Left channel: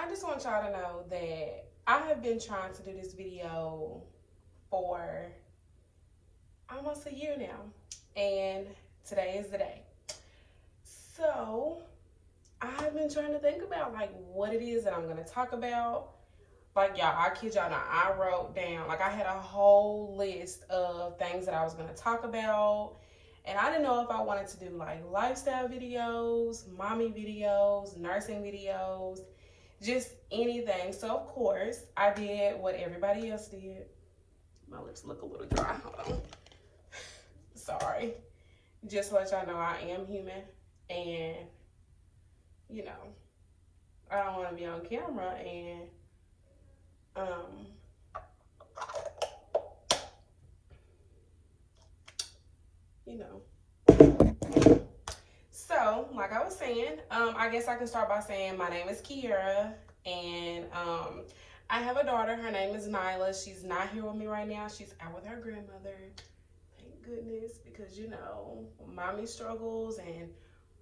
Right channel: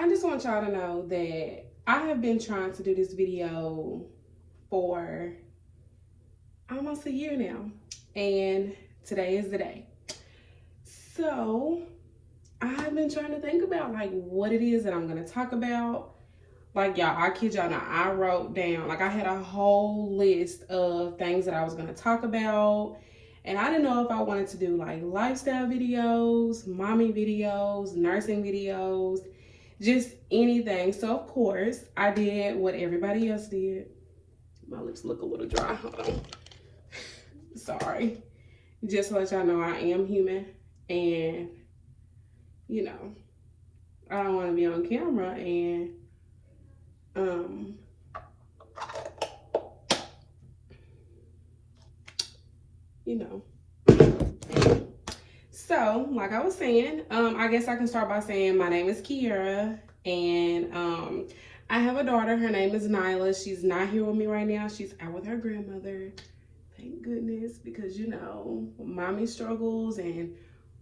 I just want y'all to know that I have been trying to do this video for almost a year now, and today is the day. So I've been trying to think about like what it is that I'm gonna talk about. Like y'all, I kid y'all not, I wrote down, like I had a whole list of things that I was gonna talk about. And I didn't know if I wanted to do like lifestyle videos, mommy videos, nursing videos, just anything. So of course I did what everybody else did. My lips look a little dry, hold on. Sorry. Just to let y'all know I am human, and you know, I don't want to be on camera and you know. So, like I was saying, I guess I can start by saying my name is Kiera, and I have a daughter. Her name is Nyla. She's not here with me right now. She's out with her grandmother. Thank goodness, because you know, mommy struggles and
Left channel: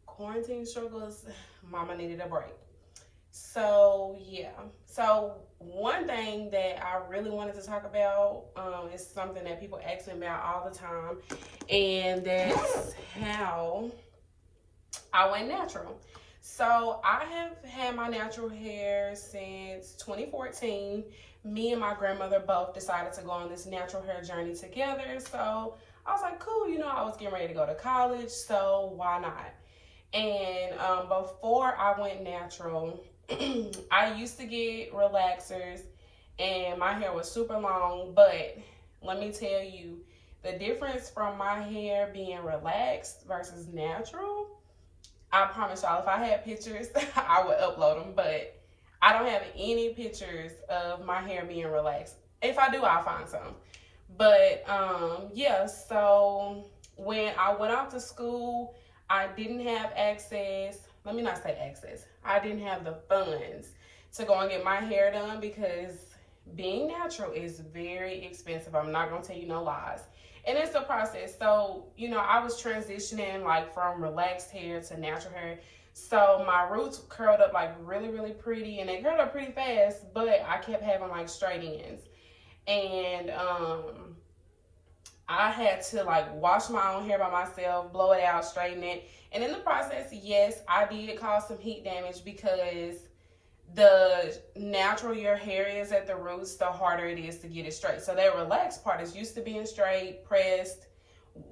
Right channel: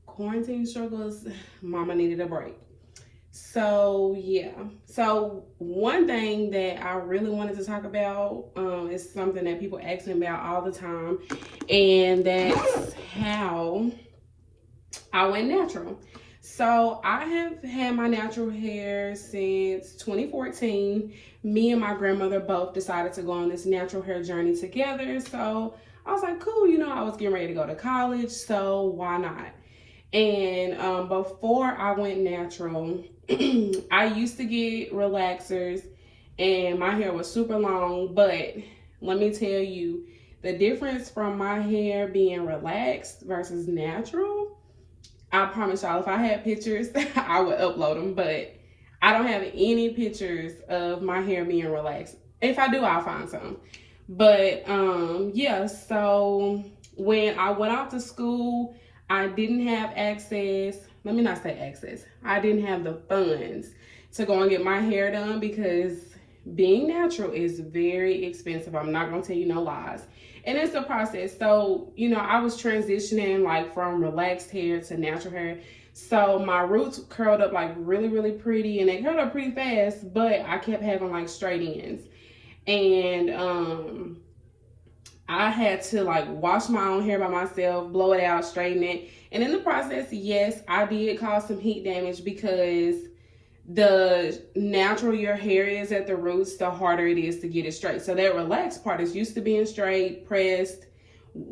quarantine struggles, mama needed a break. So yeah, so one thing that I really wanted to talk about is something that people ask me about all the time, and that's how I went natural. So I have had my natural hair since 2014. Me and my grandmother both decided to go on this natural hair journey together. So I was like, cool, you know, I was getting ready to go to college, so why not? And before I went natural, I used to get relaxers and my hair was super long, but let me tell you, the difference from my hair being relaxed versus natural, I promise y'all, if I had pictures, I would upload them, but I don't have any pictures of my hair being relaxed. If I do, I'll find some. But yeah, so when I went off to school, I didn't have access. Let me not say access. I didn't have the funds to go and get my hair done because being natural is very expensive. I'm not gonna tell you no lies. And it's a process. So, you know, I was transitioning like from relaxed hair to natural hair. So my roots curled up like really, really pretty, and they curled up pretty fast, but I kept having like straight ends. And I had to like wash my own hair by myself, blow it out, straighten it. And in the process, yes, I did cause some heat damage because the natural your hair is at the roots, the harder it is to get it straight. So that relaxed part is used to being straight, pressed,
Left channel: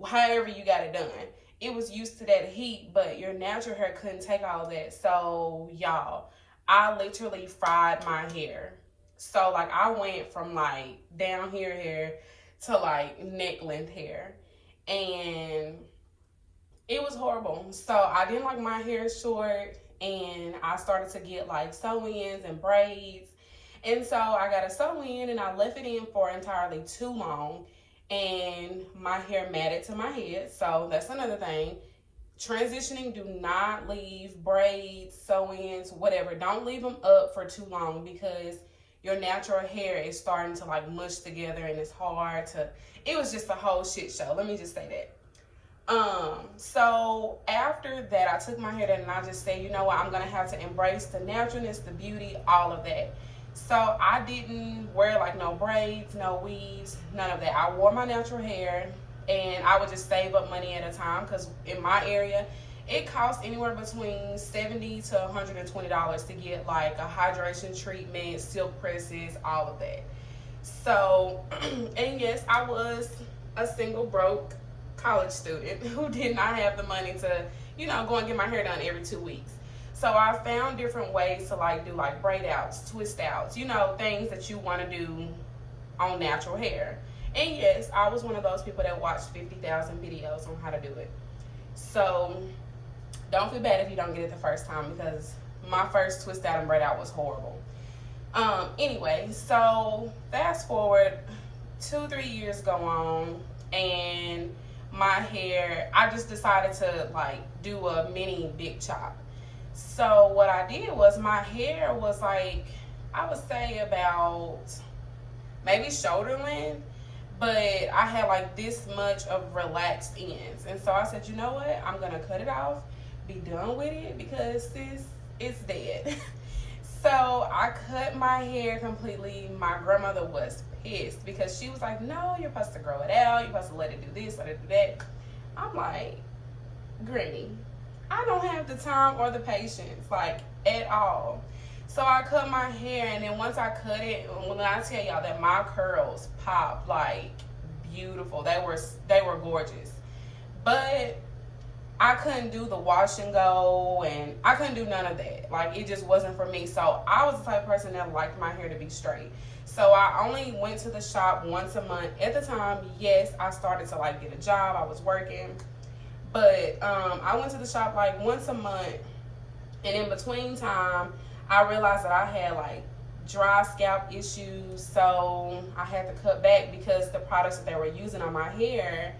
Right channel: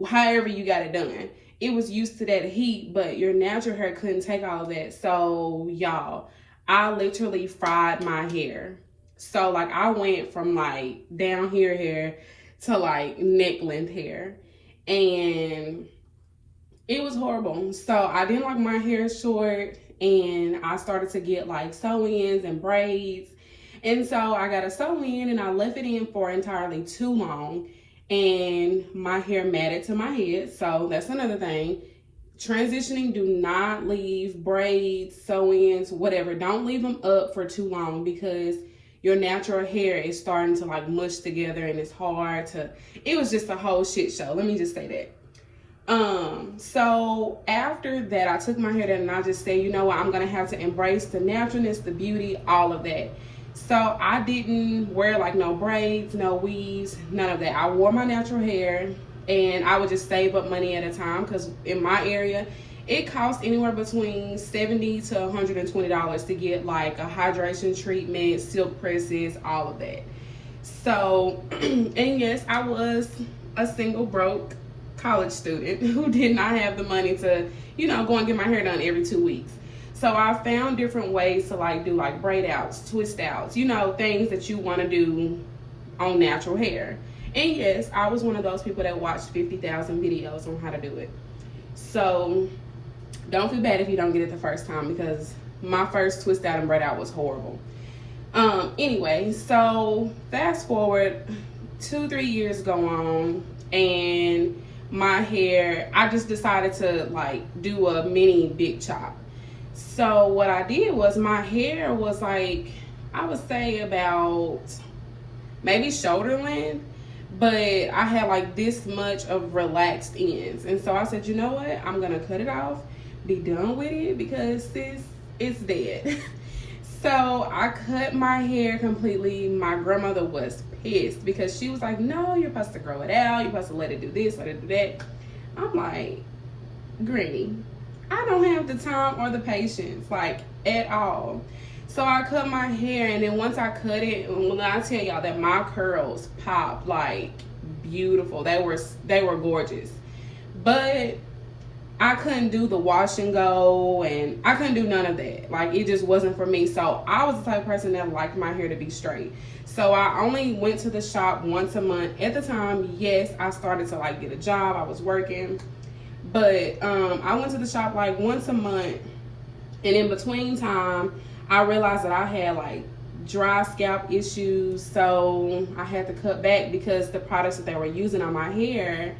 however you got it done. It was used to that heat, but your natural hair couldn't take all of that. So y'all, I literally fried my hair. So like I went from like down here hair to like neck length hair, and it was horrible. So I didn't like my hair short, and I started to get like sew-ins and braids. And so I got a sew-in and I left it in for entirely too long, and my hair matted to my head. So that's another thing. Transitioning, do not leave braids, sew-ins, whatever. Don't leave them up for too long because your natural hair is starting to like mush together and it's hard to, it was just a whole shit show. Let me just say that. So after that, I took my hair down and I just said, you know what, I'm gonna have to embrace the naturalness, the beauty, all of that. So I didn't wear like no braids, no weaves, none of that. I wore my natural hair, and I would just save up money at a time because in my area, it costs anywhere between $70 to $120 to get like a hydration treatment, silk presses, all of that. So, and yes, I was a single broke college student who did not have the money to, you know, go and get my hair done every 2 weeks. So I found different ways to like do like braid outs, twist outs, you know, things that you want to do on natural hair. And yes, I was one of those people that watched 50,000 videos on how to do it. So don't feel bad if you don't get it the first time, because my first twist out and braid out was horrible. Anyway, so fast forward 2-3 years go on, and my hair, I just decided to like do a mini big chop. So what I did was my hair was like, I would say about maybe shoulder length, but I had like this much of relaxed ends. And so I said, you know what, I'm gonna cut it off, be done with it, because it's dead. So I cut my hair completely. My grandmother was pissed because she was like, no, you're supposed to grow it out. You're supposed to let it do this, let it do that. I'm like, Granny, I don't have the time or the patience, like, at all. So I cut my hair, and then once I cut it, when I tell y'all that my curls pop like beautiful, they were gorgeous. But I couldn't do the wash and go, and I couldn't do none of that. Like, it just wasn't for me. So I was the type of person that liked my hair to be straight. So I only went to the shop once a month. At the time, yes, I started to like get a job. I was working. But I went to the shop like once a month. And in between time, I realized that I had like dry scalp issues. So I had to cut back because the products that they were using on my hair,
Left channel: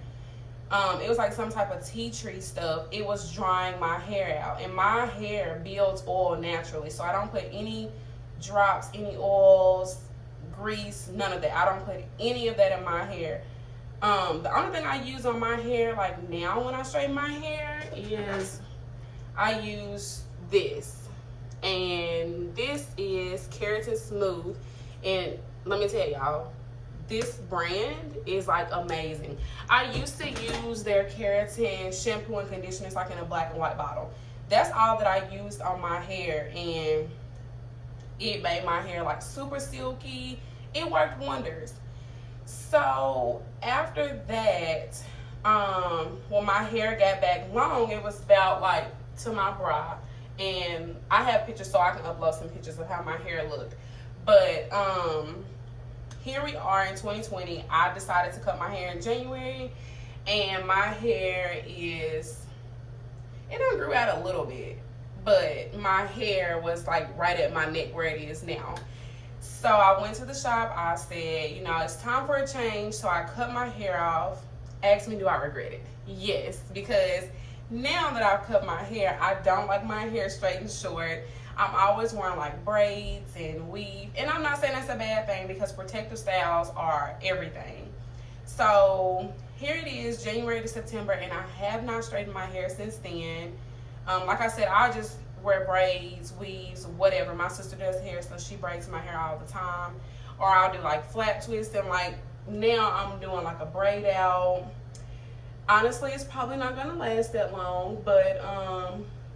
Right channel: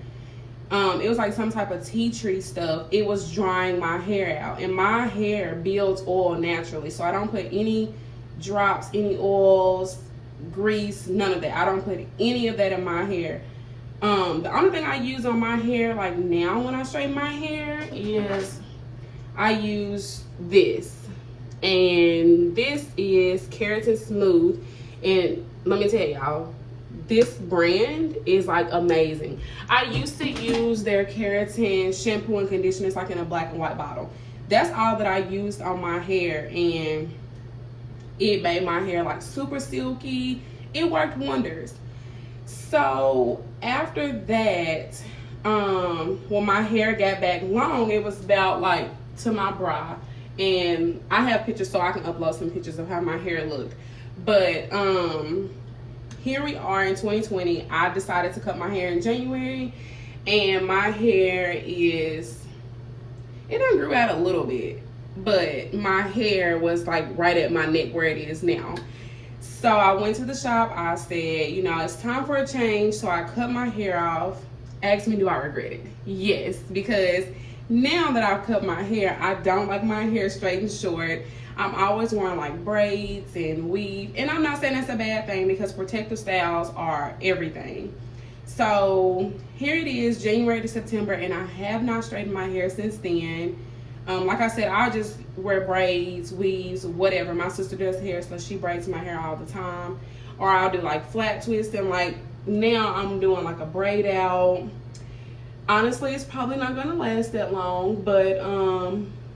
it was like some type of tea tree stuff. It was drying my hair out, and my hair builds oil naturally, so I don't put any drops, any oils, grease, none of that. I don't put any of that in my hair. The only thing I use on my hair like now when I straighten my hair is I use this, and this is Keratin Smooth. And let me tell y'all, this brand is like amazing. I used to use their keratin shampoo and conditioner. It's like in a black and white bottle. That's all that I used on my hair, and it made my hair like super silky. It worked wonders. So after that, when my hair got back long, it was about like to my bra, and I have pictures so I can upload some pictures of how my hair looked. But here we are in 2020. I decided to cut my hair in January, and my hair it done grew out a little bit, but my hair was like right at my neck where it is now. So I went to the shop. I said, you know, it's time for a change. So I cut my hair off. Ask me, do I regret it? Yes, because now that I've cut my hair, I don't like my hair straight and short. I'm always wearing like braids and weave. And I'm not saying that's a bad thing, because protective styles are everything. So here it is, January to September, and I have not straightened my hair since then. Like I said, I'll just wear braids, weaves, whatever. My sister does hair, so she braids my hair all the time. Or I'll do like flat twists, and like now I'm doing like a braid out. Honestly, it's probably not gonna last that long, but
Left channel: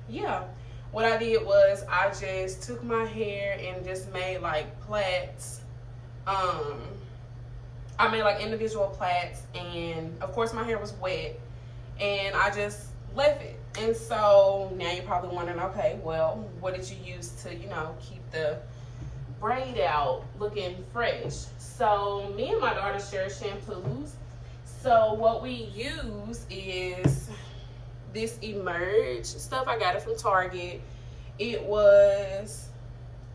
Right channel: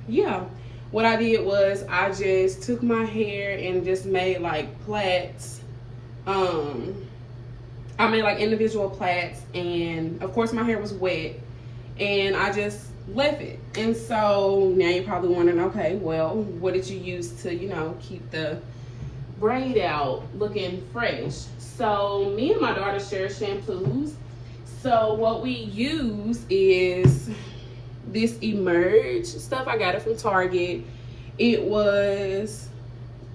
yeah. What I did was I just took my hair and just made like plaits. I made like individual plaits, and of course my hair was wet, and I just left it. And so now you're probably wondering, okay, well, what did you use to, you know, keep the braid out looking fresh? So me and my daughter share shampoos. So what we use is this Emerge stuff. I got it from Target. It was,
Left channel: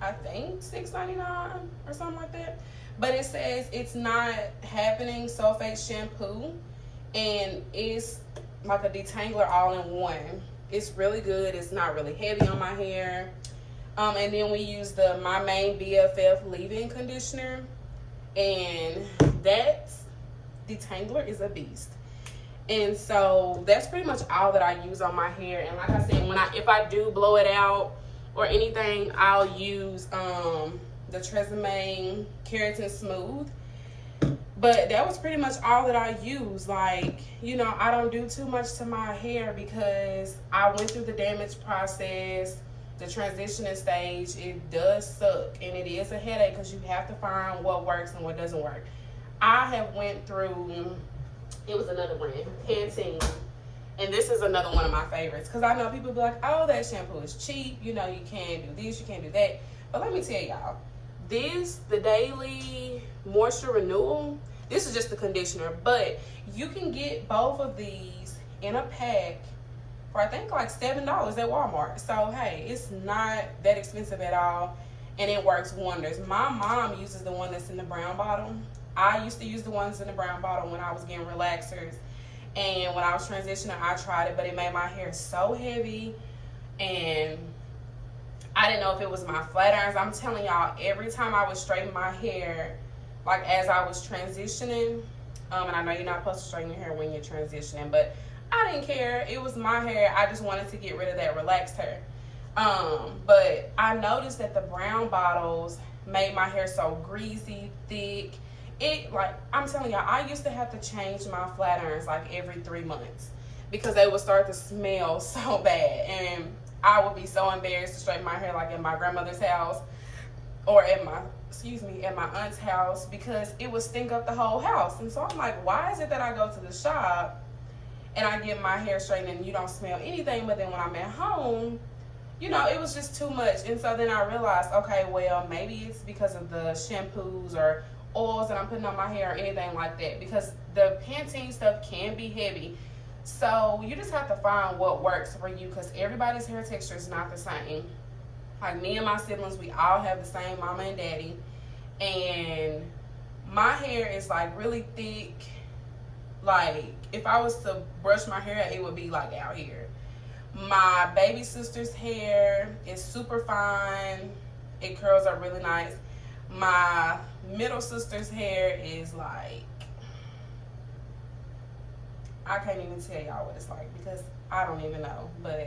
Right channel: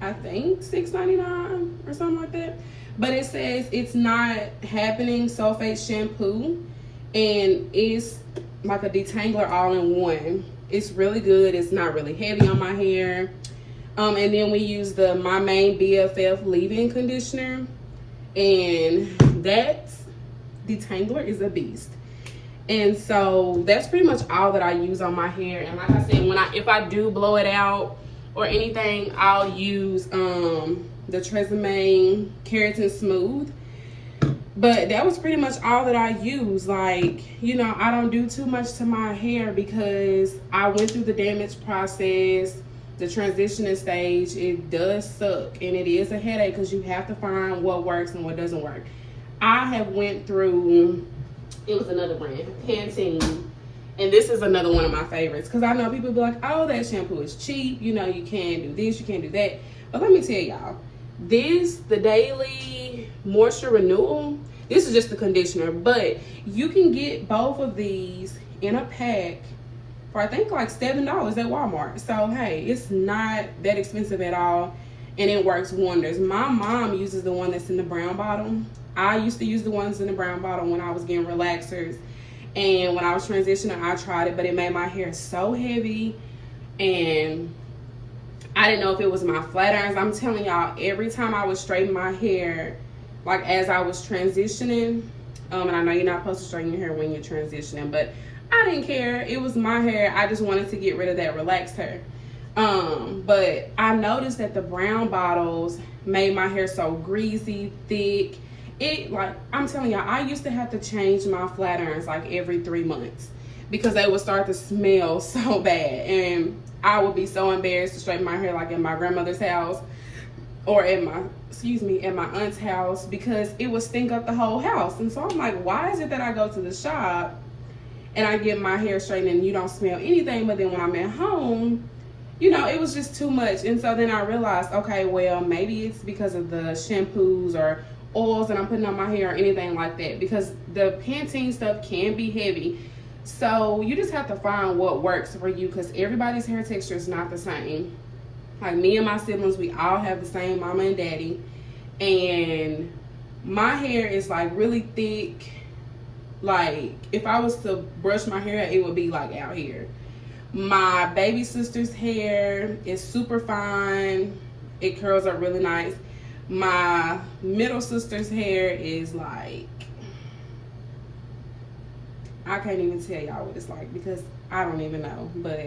I think, $6.99 or something like that. But it says it's not happening sulfate shampoo, and it's like a detangler all in one. It's really good. It's not really heavy on my hair. And then we use the My Main BFF leave-in conditioner, and that detangler is a beast. And so that's pretty much all that I use on my hair. And like I said, if I do blow it out or anything, I'll use the Tresemme Keratin Smooth. But that was pretty much all that I use. Like, you know, I don't do too much to my hair because I went through the damage process, the transitioning stage. It does suck, and it is a headache because you have to find what works and what doesn't work. I have went through, it was another brand, Pantene, and this is another one of my favorites, because I know people be like, oh, that shampoo is cheap, you know, you can't do this, you can't do that. But let me tell y'all, the Daily Moisture Renewal, this is just the conditioner, but you can get both of these in a pack for I think like $7 at Walmart. So hey, it's not that expensive at all, and it works wonders. My mom uses the one that's in the brown bottle. I used to use the ones in the brown bottle when I was getting relaxers, and when I was transitioning, I tried it, but it made my hair so heavy, and I didn't know if it was my flat irons. I'm telling y'all, every time I would straighten my hair, like as I was transitioning, and I know you're not supposed to straighten your hair when you're transitioning, but I didn't care. It was my hair. I just wanted to get rid of that relaxed hair. But I noticed that the brown bottles made my hair so greasy, thick. It, like, I'm telling y'all, I used to have to change my flat irons like every 3 months because they would start to smell so bad, and I would be so embarrassed to straighten my hair like in my grandmother's house or at my at my aunt's house, because it would stink up the whole house. And so I'm like, why is it that I go to the shop and I get my hair straightened and you don't smell anything, but then when I'm at home, you know, it was just too much. And so then I realized, okay, well, maybe it's because of the shampoos or oils that I'm putting on my hair or anything like that, because the Pantene stuff can be heavy. So you just have to find what works for you, because everybody's hair texture is not the same. Like me and my siblings, we all have the same mama and daddy, and my hair is like really thick. Like if I was to brush my hair, it would be like out here. My baby sister's hair is super fine. It curls up really nice. My middle sister's hair is like, I can't even tell y'all what it's like because I don't even know, but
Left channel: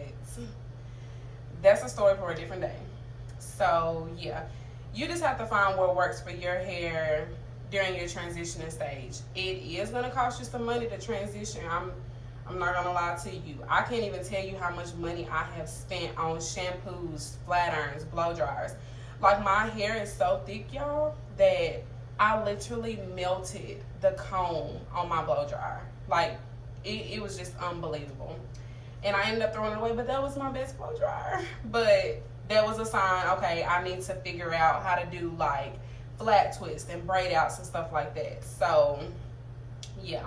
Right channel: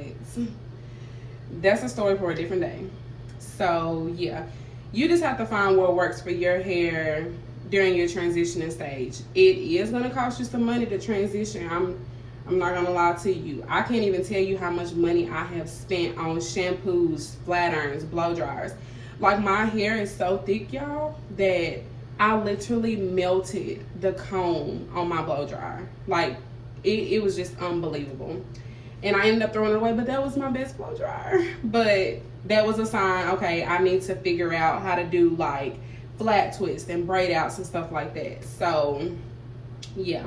that's a story for a different day. So yeah, you just have to find what works for your hair during your transitioning stage. It is gonna cost you some money to transition. I'm not gonna lie to you. I can't even tell you how much money I have spent on shampoos, flat irons, blow dryers. Like my hair is so thick, y'all, that I literally melted the comb on my blow dryer. Like it was just unbelievable. And I ended up throwing it away, but that was my best blow dryer. But that was a sign, okay, I need to figure out how to do like flat twists and braid outs and stuff like that. So yeah,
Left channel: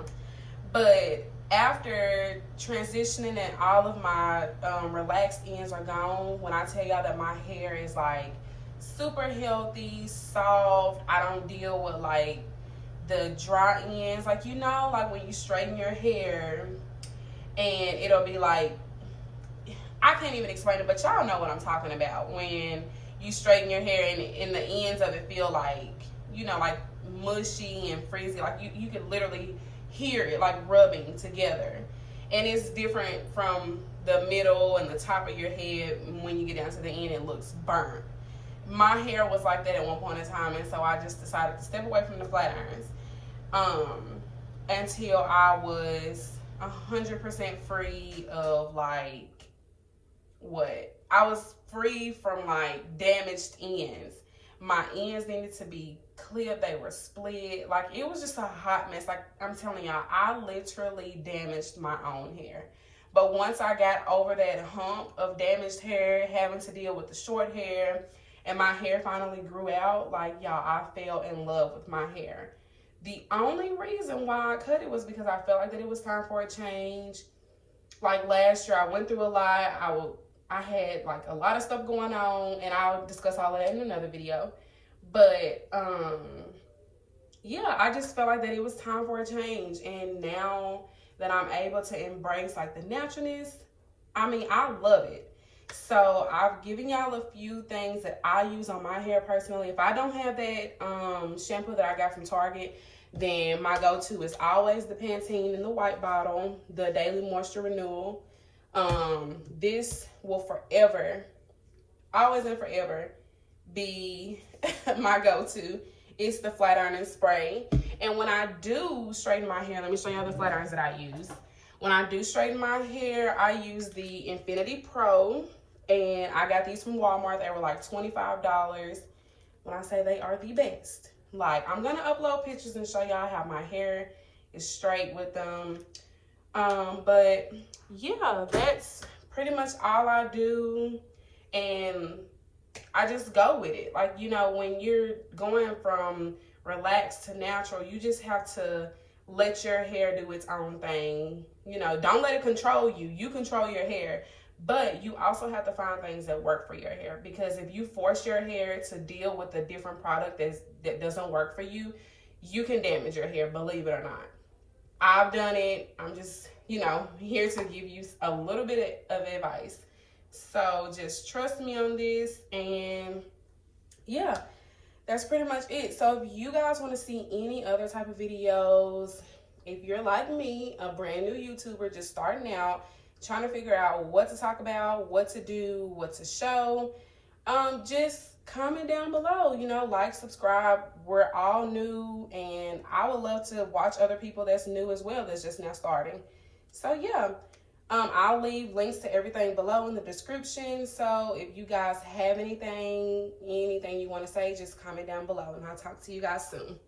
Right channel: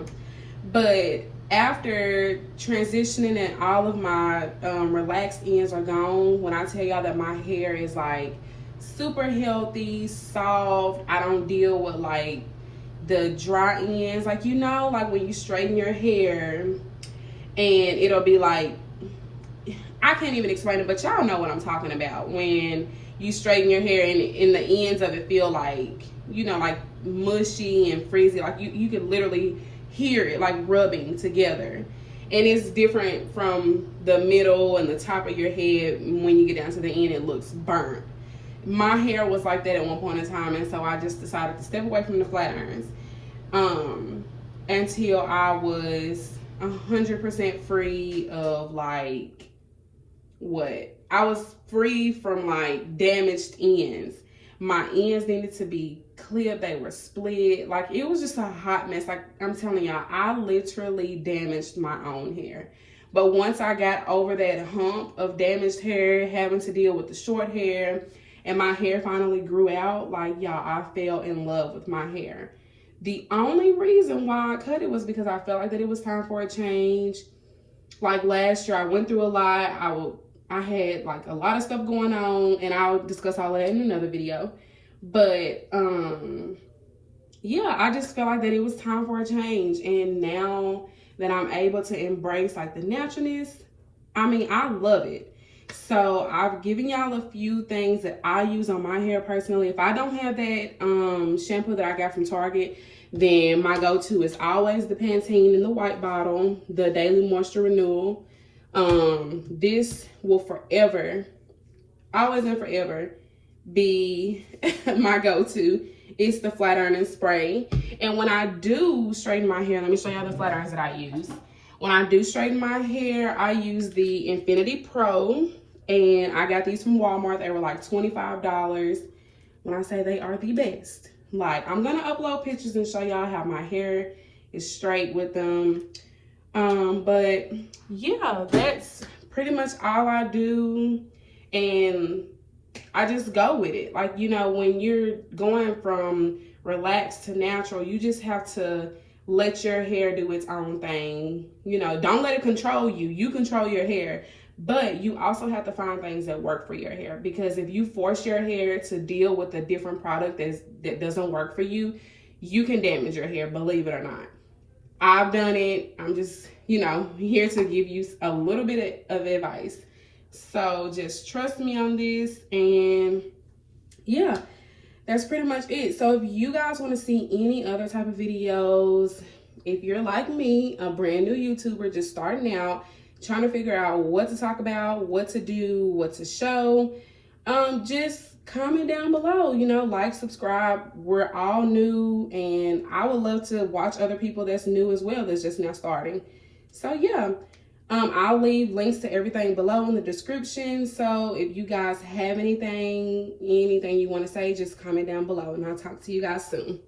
but after transitioning and all of my relaxed ends are gone, when I tell y'all that my hair is like super healthy, soft, I don't deal with like the dry ends, like, you know, like when you straighten your hair and it'll be like, I can't even explain it, but y'all know what I'm talking about. When you straighten your hair and the ends of it feel like, you know, like mushy and frizzy, like you can literally hear it like rubbing together. And it's different from the middle and the top of your head. When you get down to the end, it looks burnt. My hair was like that at one point in time, and so I just decided to step away from the flat irons until I was 100% free of like what? I was free from like damaged ends. My ends needed to be clipped, they were split. Like it was just a hot mess. Like I'm telling y'all, I literally damaged my own hair. But once I got over that hump of damaged hair, having to deal with the short hair, and my hair finally grew out, like y'all, I fell in love with my hair. The only reason why I cut it was because I felt like that it was time for a change. Like last year, I went through a lot. I had like a lot of stuff going on, and I'll discuss all of that in another video. But yeah, I just felt like that it was time for a change. And now that I'm able to embrace like the naturalness, I mean, I love it. So I've given y'all a few things that I use on my hair personally. If I don't have that shampoo that I got from Target, then my go-to is always the Pantene in the white bottle, the Daily Moisture Renewal. This will forever, always and forever, be my go-to. It's the flat ironing spray. And when I do straighten my hair, let me show y'all the flat irons that I use. When I do straighten my hair, I use the Infinity Pro, and I got these from Walmart. They were like $25. When I say they are the best, like I'm gonna upload pictures and show y'all how my hair is straight with them. But yeah, that's pretty much all I do, and I just go with it. Like, you know, when you're going from relaxed to natural, you just have to let your hair do its own thing. You know, don't let it control you. You control your hair, but you also have to find things that work for your hair, because if you force your hair to deal with a different product that doesn't work for you, you can damage your hair, believe it or not. I've done it. I'm just, you know, here to give you a little bit of advice. So just trust me on this, and yeah, that's pretty much it. So if you guys want to see any other type of videos, if you're like me, a brand new YouTuber just starting out, trying to figure out what to talk about, what to do, what to show. Just comment down below, you know, like, subscribe. We're all new, and I would love to watch other people that's new as well, that's just now starting. So yeah, I'll leave links to everything below in the description. So if you guys have anything you want to say, just comment down below, and I'll talk to you guys soon.